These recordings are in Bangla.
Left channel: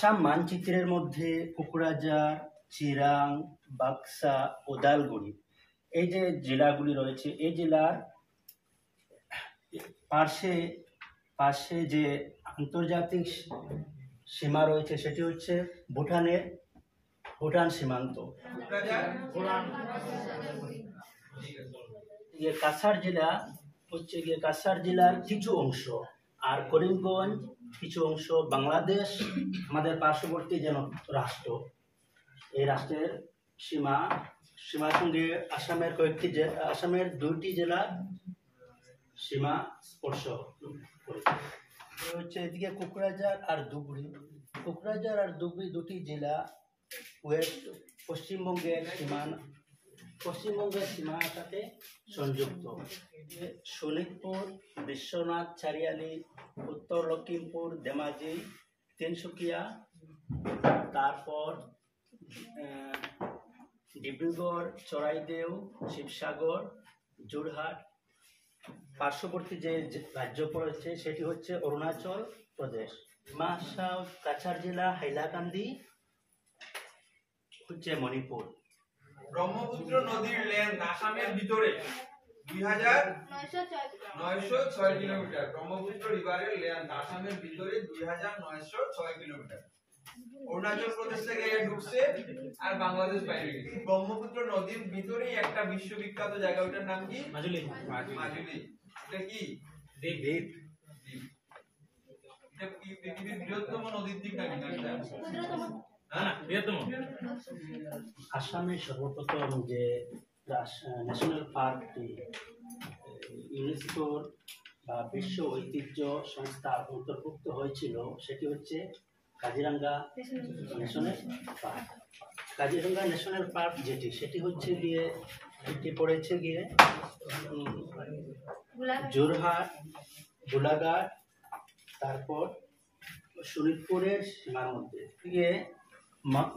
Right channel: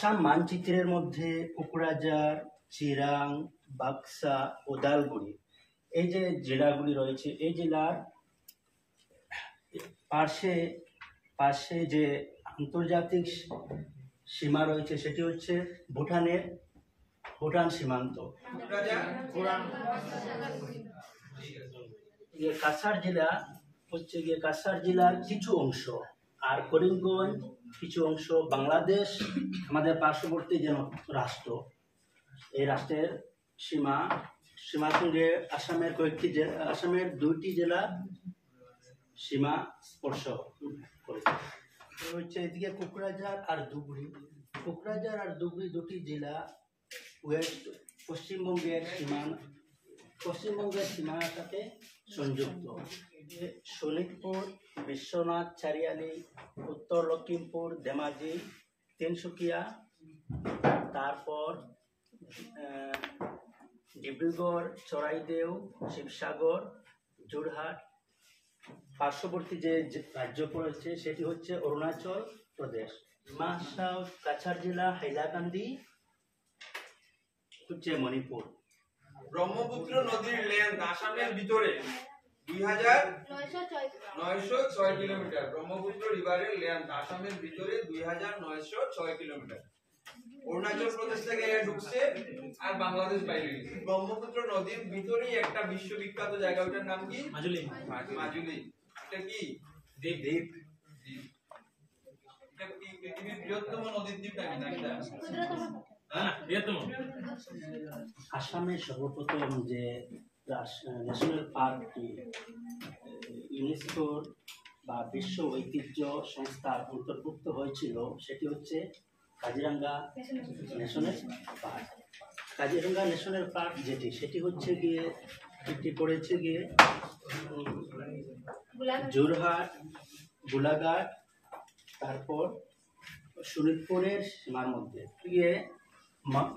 আসাম মানচিত্রের মধ্যে কোকরাঝার, চিরাং, বাক্সা, ওদালগুড়ি এই যে জেলাগুলি রয়েছে, এই জেলার পাশে পাশে যে আন্তর্জাতিক সীমা রয়েছে সেটি হচ্ছে ভুটান সীমান্ত। কাছাড় জেলা হচ্ছে কাছাড় জেলার কিছু অংশ, আর করিমগঞ্জ কিছু অংশ। বাংলাদেশ আমাদের পার্শ্ববর্তী যেন রাষ্ট্র, এই রাষ্ট্রের সীমার সঙ্গে আসামের 2টি জেলার সীমা স্পর্শ করে। হচ্ছে এদিকে কোকরাঝার আর ধুবড়ী 2টি জেলা পশ্চিমবঙ্গের সীমানার সাথে সংযুক্ত। শোনিতপুর, বিশ্বনাথ চারিয়ালি, উত্তর লক্ষিমপুর, ধেমাজি, তিনসুকিয়া, তারপর ডিব্রুগড়, চড়াইদেউ, শিবসাগর, যোরহাট। পার্শ্ববর্তী যে রাজ্য পড়েছে সেটি হচ্ছে অরুণাচল প্রদেশ। কাছাড় জেলা হাইলাকান্দি হচ্ছে মণিপুর। ব্রহ্মপুত্র নদীর লেন্থ আসামের ভিতরে 2906 কিলোমিটার। ব্রহ্মপুত্র রিভারের লেন্থ আসামের ভিতরে 2906 কিলোমিটার। অরুণাচল প্রদেশ থেকে ঢুকছে আর বাংলাদেশ বাইরে গেছে। ব্রহ্মপুত্র নদীর ভিতরেই একটা বিশ্ববিখ্যাত জায়গা, ওটার নাম কি? মাজুলি। এটা কি দ্বীপ? এটা কি পৃথিবীর বৃহত্তম নদীর দ্বীপ নাকি? বৃহত্তম। আসামের সর্বপ্রথম যে ন্যাশনাল পার্কটি ইউনেস্কোর বা বিশ্ব ঐতিহ্য সংস্থার অন্তর্ভুক্ত হয়েছিল সেটি হচ্ছে Kaziranga national park. Kaziranga national park সেটি হচ্ছে এটি পড়েছে যোরহাট, গোলাঘাট, তারপর শোনিতপুরের সীমার মধ্যে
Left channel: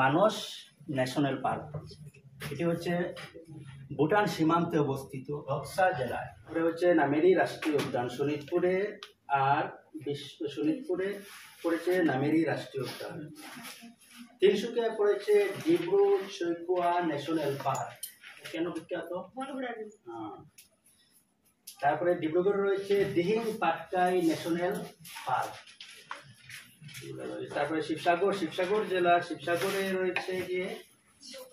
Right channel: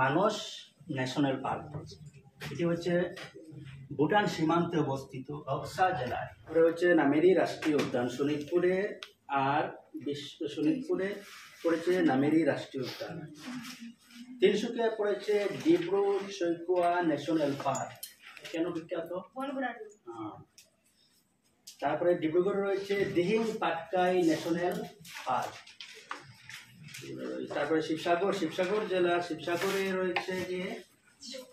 মানস ন্যাশনাল পার্ক। এটি হচ্ছে ভুটান সীমান্তে অবস্থিত বক্সা জেলায়। হচ্ছে নামেরি রাষ্ট্রীয় উদ্যান শোনিতপুরে, আর শোনিতপুরে পড়েছে নামেরি রাষ্ট্রীয় উদ্যান। তিনসুকিয়ায় পড়েছে ডিব্রু সৈকোয়া ন্যাশনাল পার্ক। কেন বিখ্যাত? তারপরে ডিব্রুগড়ে রয়েছে দিহিং পাটকাই ন্যাশনাল পার্ক। তারপরে শিবসাগর জেলা, শিবসাগরে রয়েছে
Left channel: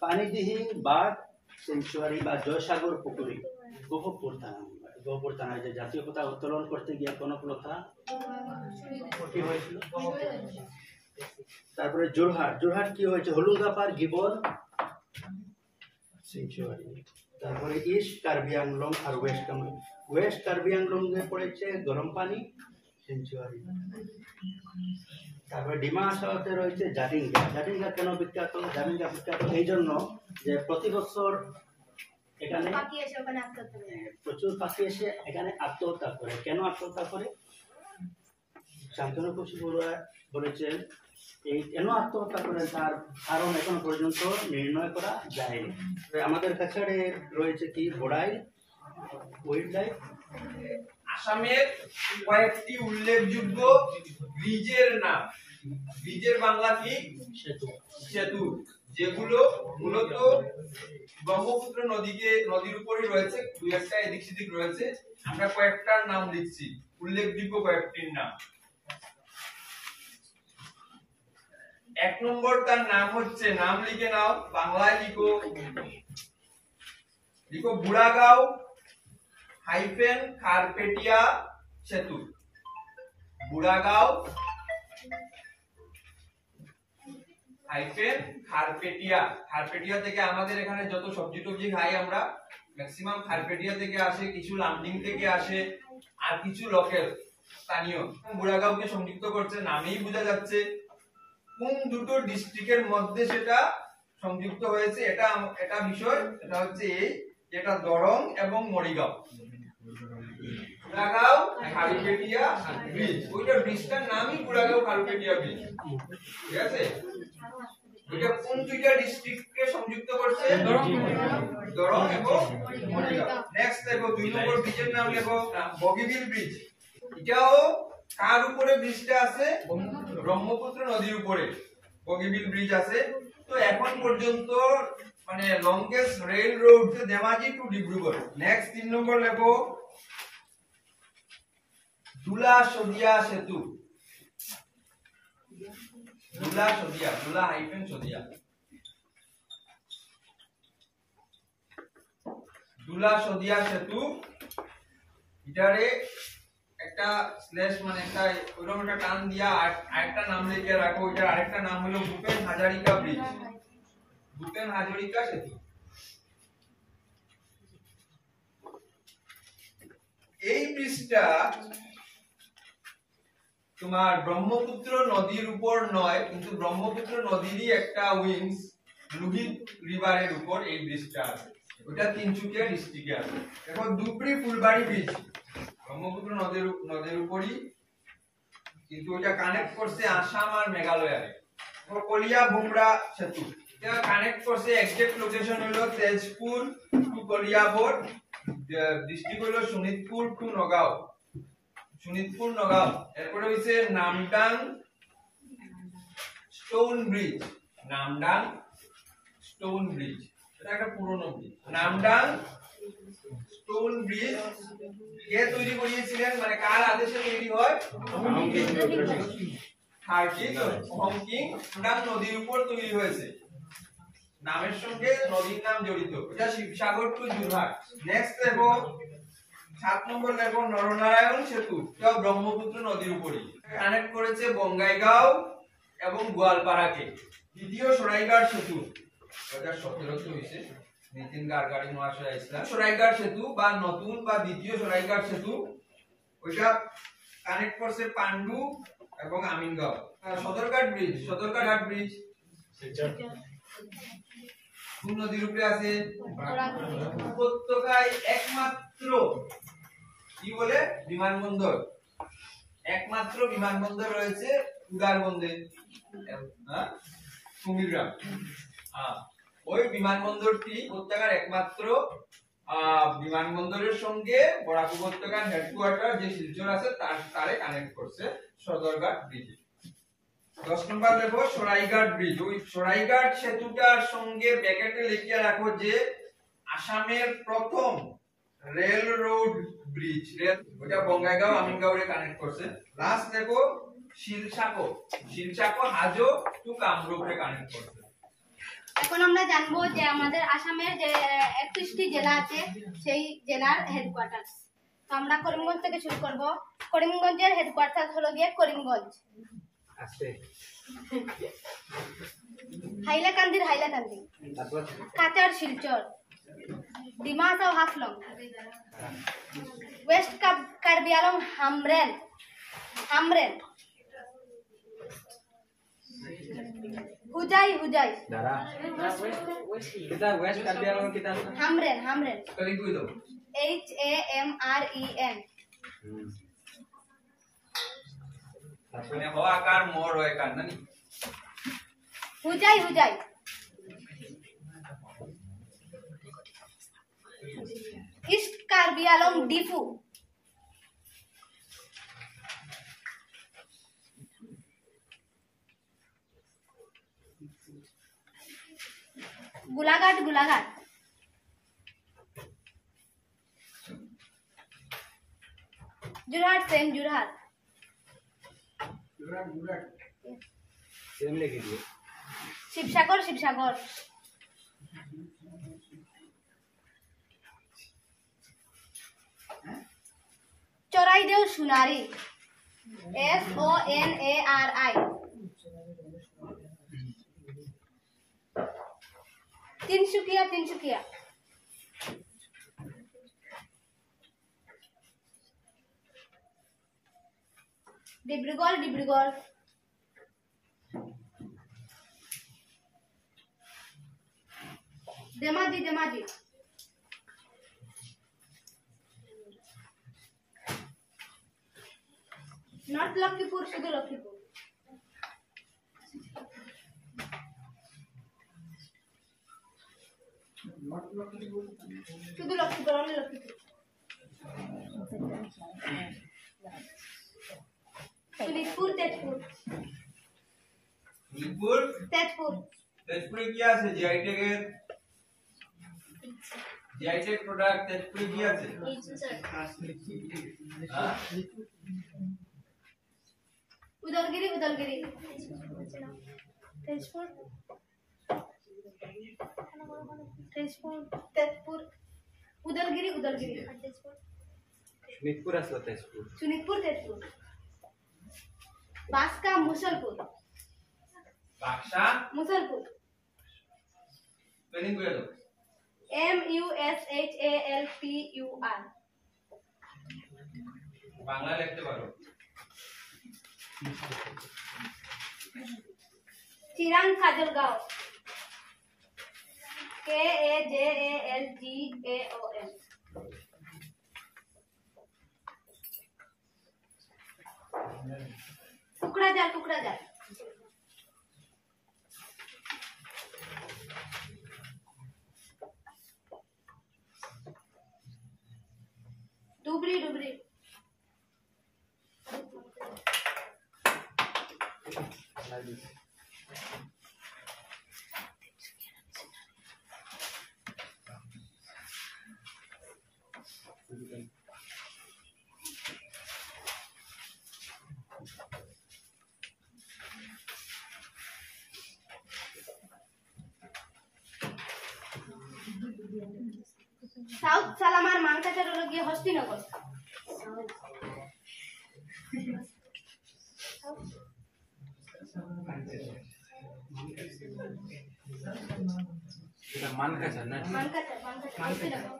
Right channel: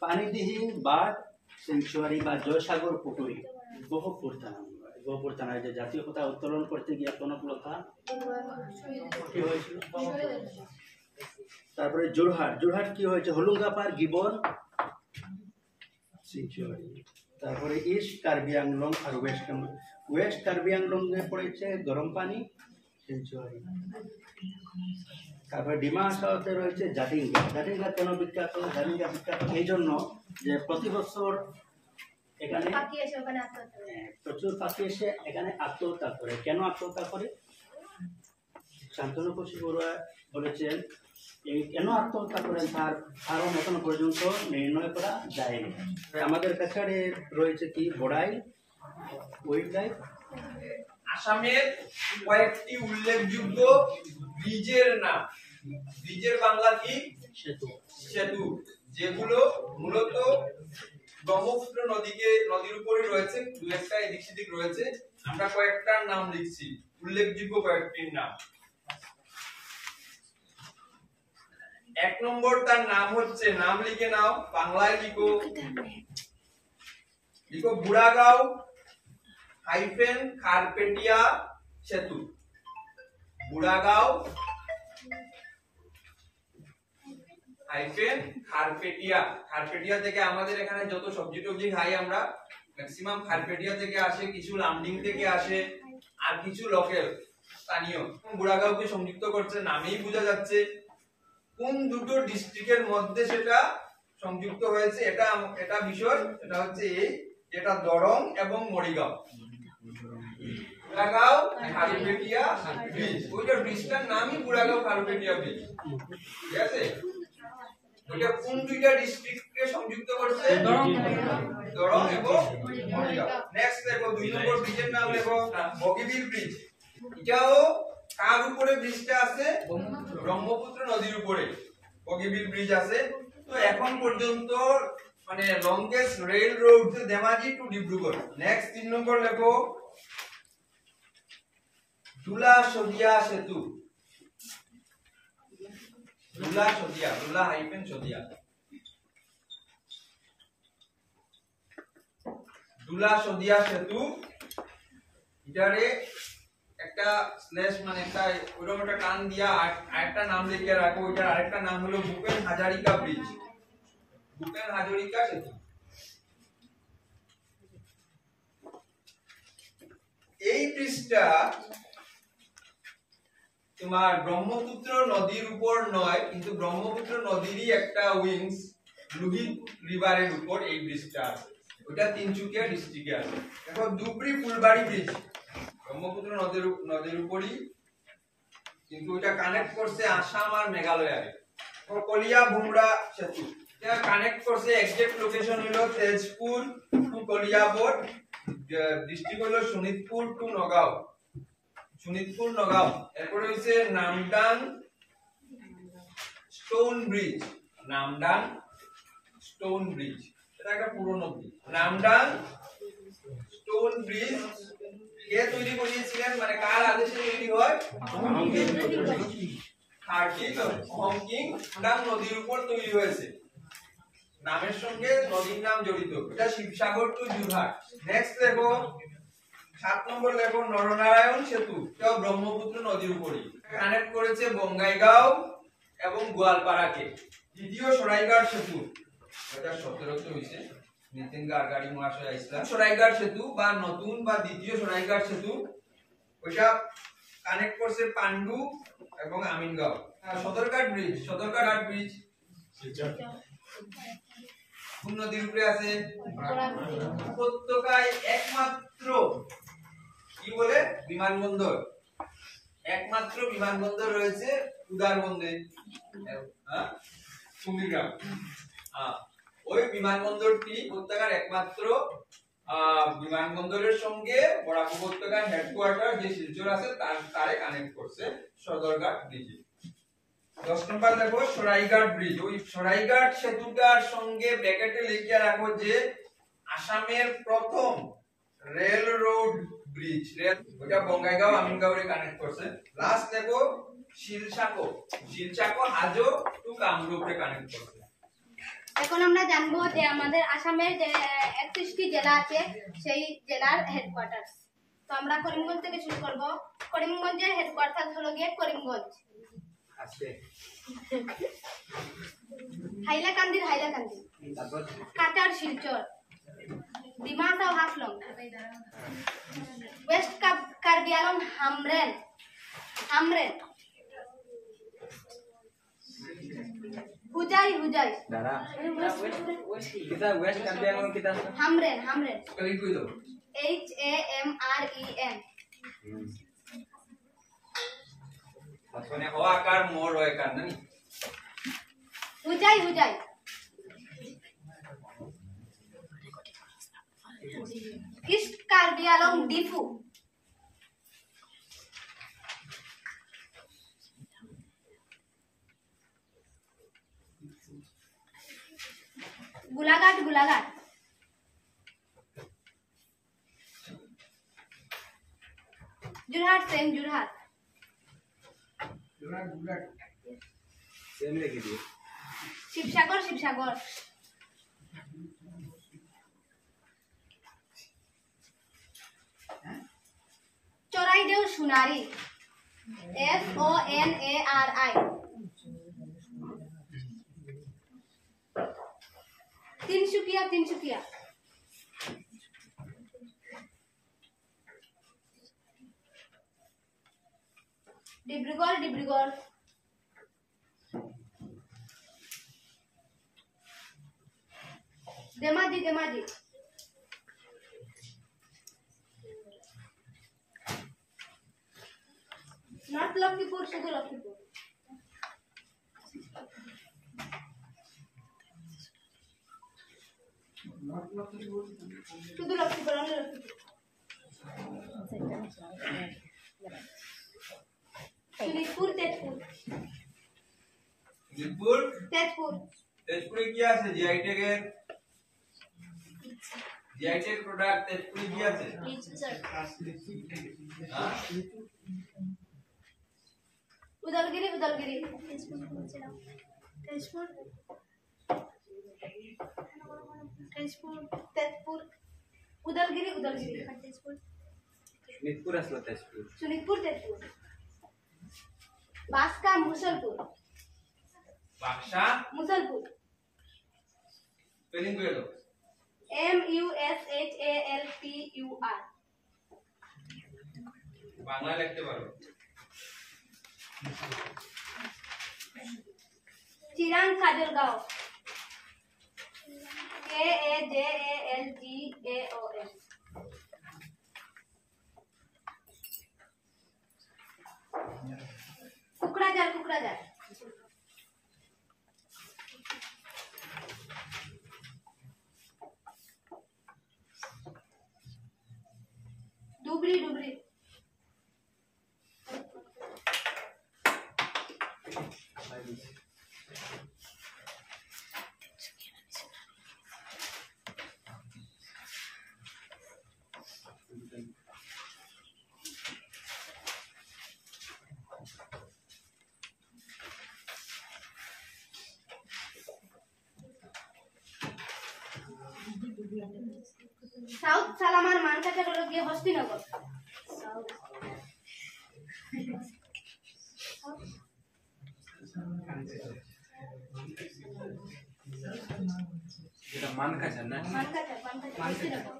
পানিদিহিং বার্ড সেঞ্চুয়ারি বা জয়সাগর পুকুরি। গহপুর থানায় যে জাতীয় পতাকা উত্তোলন করতে গিয়ে কনকলতা কি হয়েছিল। তারপরে যোরহাট কি হয়েছে? হলুঙ্গাপার গিবন সেঞ্চুয়ারি। তারপরে ইস্ট কার্বি আংলং আর ওয়েস্ট কার্বি আংলং এ পড়েছে গরম পানি সেঞ্চুয়ারি। তারপরে ডিমা হাসাওতে রয়েছে জাটিঙ্গা। কেন বিখ্যাত? জাটিঙ্গা বিখ্যাত এই জন্য যে প্রতি বছর এখানে প্রচুর পাখি এসে এখানে আত্মহত্যা করে। কেন আত্মহত্যা করে? শান্তনু কুশি বড়ুয়া বলেছেন এই কেন আত্মহত্যা করেন তার কারণ এখনো পর্যন্ত নির্ণয় করা যায়নি। আমাদের কাছে রয়েছে কি বড়াইল ওয়াইল্ড লাইফ। আসামের কয়েকটি উল্লেখযোগ্য ব্রিজের নাম। ব্রিজের বাংলা কি? সেতু। যেগুলো মূলত ব্রহ্মপুত্র নদীর উপরে রয়েছে, দু একটা এদিক সেদিক রয়েছে। আমরা কয়েকটার নাম লিখছি, উল্লেখযোগ্য কয়েকটির নাম। 1 নম্বর তার নাম হচ্ছে, নাম লিখে নাও, বাংলায় লিখো বুড়াগাঁও খারপেটিয়া সেতু। বুড়াগাঁও খারপেটিয়া থেকে আমাদের এখানে যত সবজি টবজি খাই আমরা ম্যাক্সিমাম খারপেটিয়া থেকে আসে, কিছু লামডিং থেকে আসে, আর কিছু লোকাল স্থানীয়। বুড়াগাঁওকে সংযুক্ত করছে, নামেই বোঝা যাচ্ছে কোন দুটো ডিস্ট্রিক্টের মধ্যে সেটা সংযুক্ত হয়েছে। এটা বিষয়, এটা হচ্ছে যেটা দরং এবং মরিগাঁও। বুড়াগাঁও খারপেটিয়া ব্রিজ, ওইটা ব্রিজটার নামই বুড়াগাঁও খারপেটিয়া ব্রিজ। ঠিক আছে? ওইটা কোন দুইটা ডিস্ট্রিক্টকে সংযুক্ত করছে? দরং এবং মরিগাঁও। নেক্সট দেখো 2 নম্বর ব্রিজের নাম লেখো বগিবিল ব্রিজ। এটাও কার উপরে ব্রিজটা আছে? ব্রহ্মপুত্র নদীর উপরে। বগিবিল ব্রিজ আছে। তো এখন পর্যন্ত মানে লংগেস্ট রেল রোড হচ্ছে ধেমাজি টু ডিব্রুগড়। নেক্সট 3 নম্বর লেখো দুলা সদিয়া সেতু। দুলা সদিয়া, দুলা হাইফেন সদিয়া, দুলা সদিয়া সেতু। এটারে একটা স্ল্যাশ মানে একটা ওরকম একটা টান দিয়া আরেকটা নাম লিখে রাখো। এটার আরেকটা নাম হলো ভূপেন হাজারিকা ব্রিজ, ভূপেন হাজারিকা সেতু। এই ব্রিজটা তোমার ব্রহ্মপুত্র নদীর উপর নয়, কিন্তু ব্রহ্মপুত্র নদীরই একটা উইংস লোহিত রিভারের উপর এই ব্রিজটা আছে। ওটা তিনসুকিয়া ডিস্ট্রিক্টে আছে। দেখো ধুবড়ি ফুলবাড়ি ব্রিজ ব্রহ্মপুত্র নদীর উপরই, কিন্তু ওটা কানেক্ট করছে আসাম আর মেঘালয়। কলিয়া ভুমরা সেতু, এটা কানেক্ট করছে এক্সাক্ট লোকেশন হলো তেজপুর টু কলিয়াবর, ডিস্ট্রিক্ট হলো শোনিতপুর টু নগাঁও, শোনিতপুর নগাঁও। এরপরে হইছে Namdang stone bridge, Namdang stone bridge, এটা একটা পুরনো ব্রিজ। নামডাং স্টোন ব্রিজ কে তৈরি করিয়েছিলেন, মানে কার আদেশে তৈরি হয়? হংকিং নাম নদীর উপর তৈরি হয়েছে, নামের সঙ্গে নদীর নাম জড়িত। এটা শিবসাগর টু যোরহাট। নেক্সট দেখো 7 নম্বর লেখো নরনারায়ণ সেতু, এটা ব্রহ্মপুত্র নদীর উপরই, কানেক্ট করেছে বঙ্গাইগাঁও এবং গোয়ালপাড়াকে। দ্বিতীয় সরাইঘাট সেতু 2017 তে হইছে, নিতিন গাডকারি মহাশয় আইছিলেন। সরাইঘাট সেতু বা নতুন বা দ্বিতীয় সরাইঘাট সেতু, ওইটা কানেক্ট করছে পান্ডু এবং আমিনগাঁও। সদরঘাট ব্রিজ, সদরঘাট ব্রিজ কোন নদীর উপরে আছে? উপত্যকায় একমাত্র কি বলে বিমানবন্দর, একমাত্র বিমানবন্দর রয়েছে উদারবন্দে, হ্যাঁ কুমিল্লা। ওই বিমানবন্দরটি উপত্যকার একমাত্র বিমানবন্দরের সঙ্গে বরাক উপত্যকার হেডকোয়ার্টার যে শিলচর আছে তারে কানেক্ট করছে সদরঘাট ব্রিজ। 10 নম্বর দেখো সরাইঘাট ব্রিজ। ওই সরাইঘাট সেতুটার সঙ্গে ব্র্যাকেটে লিখে রাখো যে আসামের প্রথম রেল রোড ব্রিজ, ওটা বঙ্গাইগাঁও আমিনগাঁওরে কানেক্ট করছে। লাস্ট দেখো শিলচাকো, শিলচাকো হাজো টু কামরূপে কানেক্ট করছে। এখন আমরা জানবো যে আমাদের আসামের যে 31টি জেলা আছে সেই জেলার হেডকোয়ার্টার। তো আমরা করিমগঞ্জ থেকে শুরু করব। করিমগঞ্জের হেডকোয়ার্টার হলো গিয়ে করিমগঞ্জ। আছে হাইলাকান্দির হাইলাকান্দি, কাচার শিলচর, ডিমাসাও হাফলং, ওয়েস্ট কার্বি আংলং হামরেন, হামরেন, হুজাই হুজাই দাদা কিটা ওয়েস্ট কার্বি আংলং কিটা হামরেন, হামরেন কই কই দাও HAMREN, মানে হ আকার মোর হয় কার নানি Hojai Hojai, east Karbi Anglong Diphu, Golaghat, Golaghat, Jorhat, same Jorhat, same লিখে দিও। শিবসাগর, শিবসাগর, চরাইদেও সোনারি, SONARI, তিনসুকিয়া, তিনসুকিয়া, ডিব্রুগড়, ডিব্রুগড়, ধেমাজি, ধেমাজি, নর্থ লক্ষ্মীপুর, শুধু লক্ষ্মীপুর, শুধু লক্ষ্মীপুর, অনলি লক্ষ্মীপুর, শোনিতপুর, তেজপুর, শোনিতপুর তেজপুরে কি আছে জিআই ট্যাগের জিআই ট্যাগ প্রোডাক্ট তেজপুরে কি আছে হ্যাঁ? উদলগিরি উদলগিরি তেজপুর তেজপুর তেজপুর উদলগিরি উদলগিরি তেজপুর শোনিতপুর আসলো তেজপুর শোনিতপুর তেজপুর বাসকা মুসলপুর বাক্সা মুসলপুর স্পেলিং করে দাও MUSHALPUR বাংলা লিখতে পারো চিরাং কাজলগাঁও KAJALGAON কুকড়াঝাড় কুকড়াঝাড় ডুবরি ডুবরি সাউথ সালামার মানকাচার হলো গিয়ে হস্তিনগর এটা মানকাচার না মানকাচার মানকাচার হস্তিনগর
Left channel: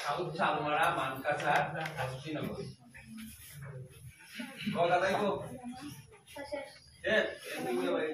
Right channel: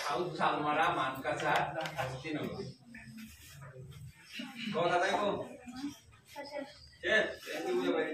সাউথ শালমারা মানকাসার হস্তিনগর কথা তাই তো শেষ শেষ এই বুঝে পারি